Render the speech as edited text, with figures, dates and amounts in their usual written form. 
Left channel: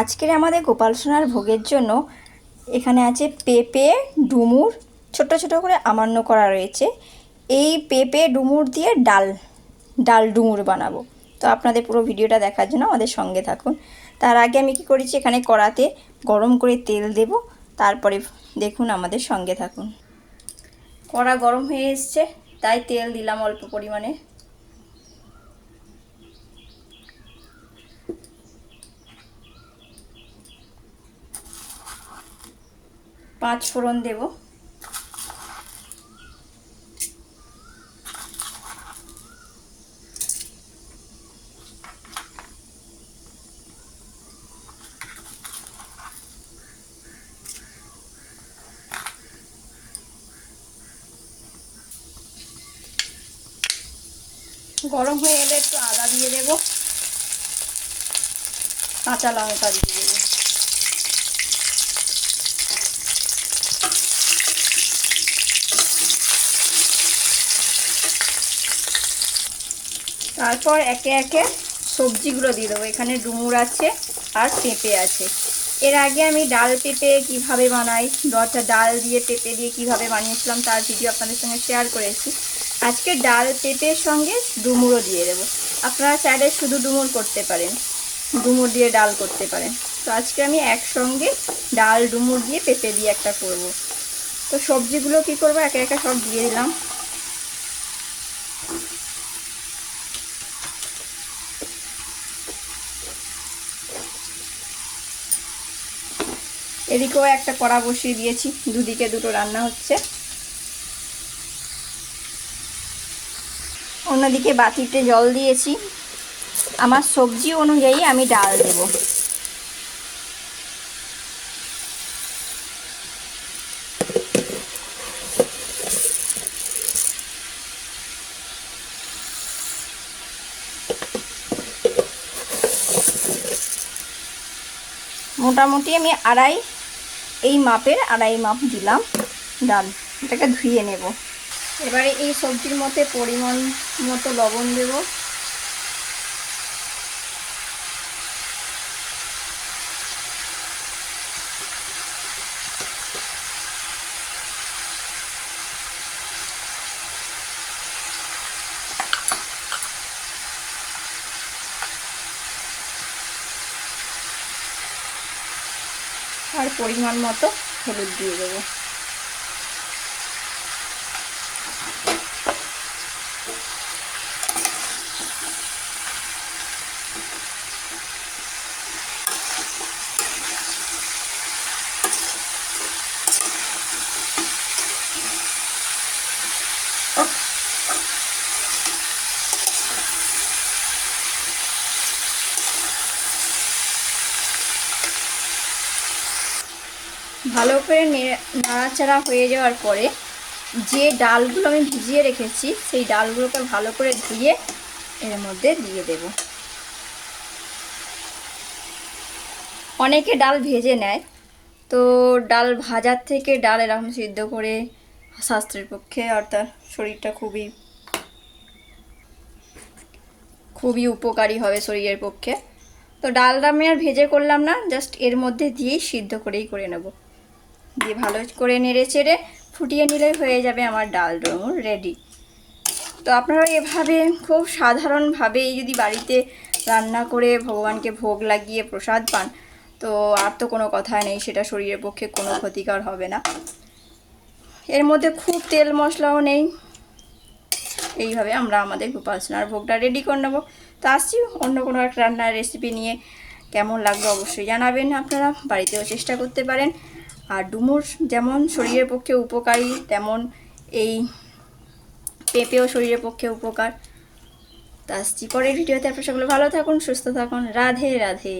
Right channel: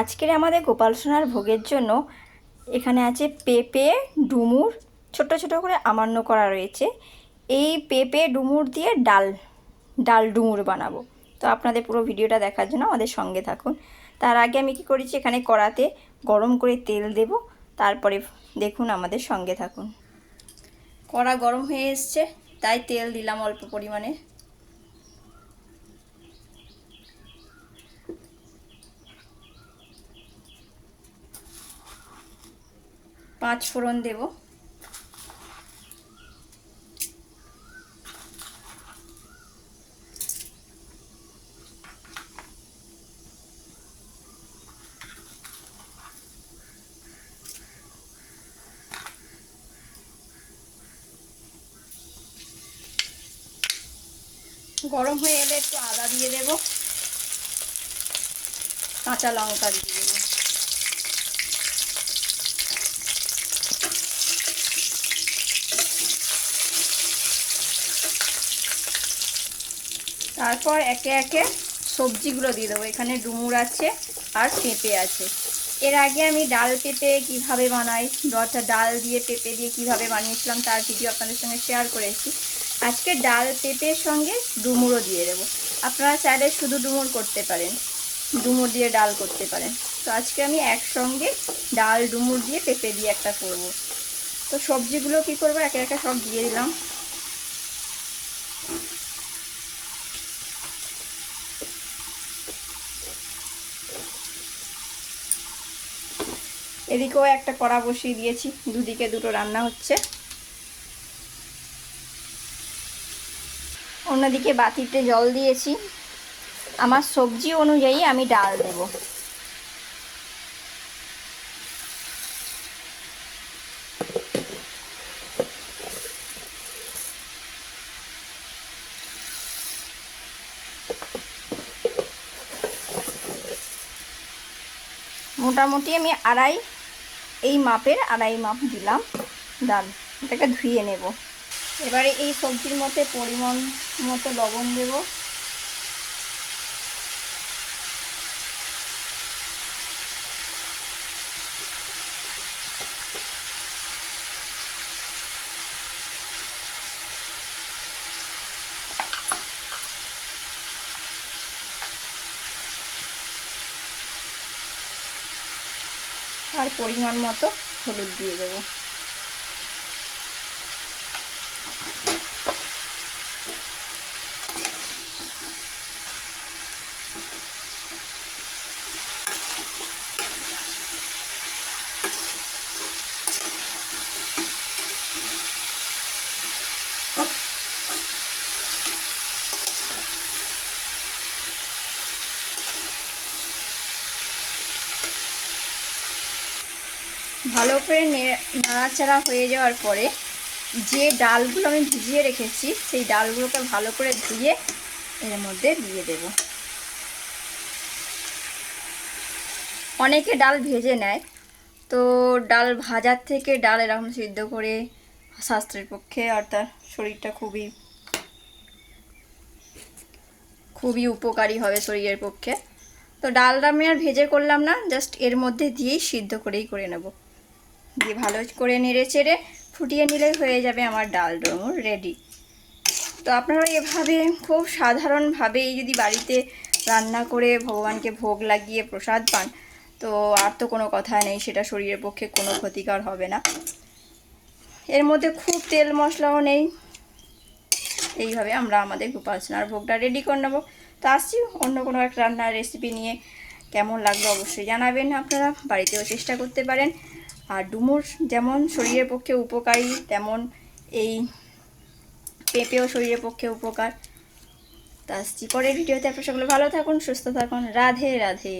আজকের আমাদের গোপাল সোনার ভোগের জন্য এখানে আছে পেঁপে, ডুমুর ছোট ছোট করে আমান্য করা রয়েছে। এই পেঁপে ডুমুর দিয়ে ডাল ডুমুর বানাবো। তো আপনাদের পুরো ভিডিওটা দেখার জন্য আমাদের সঙ্গে থাকুন। তার আগে আমি কি করেছি, এখানে কড়াতে গরম করে তেল দেব, তারপরে দেখুন আমাদের সঙ্গে থাকুন। কড়া গরম হয়ে এসছে, তাই তেল দিলাম অল্প পরিমাণে। পাঁচ ফোড়ন দেব। গরম হয়ে গেলে একটু আদা দিয়ে দেব, কাঁচা লঙ্কা দিয়ে দেব। তারপর একে একে সবজিগুলো দিয়ে দেবো। এখানে ডুমুর আছে আর পেঁপে আছে। এর আগে আমি ডাল পেঁপে কীভাবে বানাই, ডাল দিয়ে পেঁপে দিয়ে কীভাবে বানিয়েছিলাম তার ভিডিও আপনাদের সঙ্গে শেয়ার করেছি। আজকে ডাল পেঁপের সঙ্গে ডুমুরও দিয়ে দেবো। আপনারা চাইলে শুধু ডুমুর করতে পারেন, ডুমুর দিয়ে ডাল করতে পারেন। তো আজকে আমি একসঙ্গে ডাল ডুমুর দিয়ে পেঁপে দিয়ে একটা করব। তো সবজিগুলো কী করবো, একে একে সব দিয়ে দিলাম। এদিকেও একটা কড়া বসিয়ে দিয়েছি, দুদিকে দুটো রান্না হচ্ছে। অন্যদিকে বাটিতে জল দিয়েছি। আমার সবজি অনুযায়ী আমি ডাল দেব। মোটামুটি আমি এই মাপের আড়াই মাপ দিলাম ডাল। এটাকে ধুয়ে নেব। এবারে এই সবজির মধ্যে পরিমাণ মতো লবণ দেব। আর পরিমাণ মতো হলুদ দিয়ে দেবো। ভালো করে নাড়াচাড়া হয়ে যাওয়ার পরে যে ডালগুলো আমি ভিজিয়ে রেখেছি সেই ডালগুলোকে ভালো করে ধুয়ে এর মধ্যে দিয়ে দেব। অনেকে ডাল ভেজে নেয়, তো ডাল ভাজার থেকে ডাল এরকম সিদ্ধ করে স্বাস্থ্যের পক্ষে অর্থাৎ শরীরটা খুবই উপকারী হবে শরীরের পক্ষে। তো ডালটা আমি আর ভেজে করলাম না, জাস্ট এর মধ্যে দিয়েই সিদ্ধ করেই করে নেব। দিয়ে ভালো করে নেড়ে চেড়ে ফুটিয়ে নিলেই হয়ে যাবে আমার ডাল ডুমুর রেডি। তো আপনারা এভাবে খুব সাধারণভাবেই যদি বাড়িতে রান্না করে ভগবানকে ভোগ লাগিয়ে প্রসাদ পান, তো আর তো কোনো কথা নেই, সেটা শরীরের পক্ষে কোনো ক্ষতিকর হবে না। এর মধ্যে খুব তেল মশলাও নেই। এইভাবে আমরা আমাদের গোপাল সোনার ভোগটা রেডি করে নেবো। তো আসছি অন্য কোনো একটা রান্নার রেসিপি নিয়ে। কেমন লাগবে অবশ্যই জানাবেন। আপনারা বাড়িতেও চেষ্টা করতে পারেন। আর ডুমুর যেমন শরীরের পক্ষে উপকারী, তেমন এই পেঁপেও শরীরের পক্ষে উপকার। তা আসছি পরের ভিডিওতে। আপনারা সকলে ভালো থাকুন, সুস্থ থাকুন। রাধে রাধে।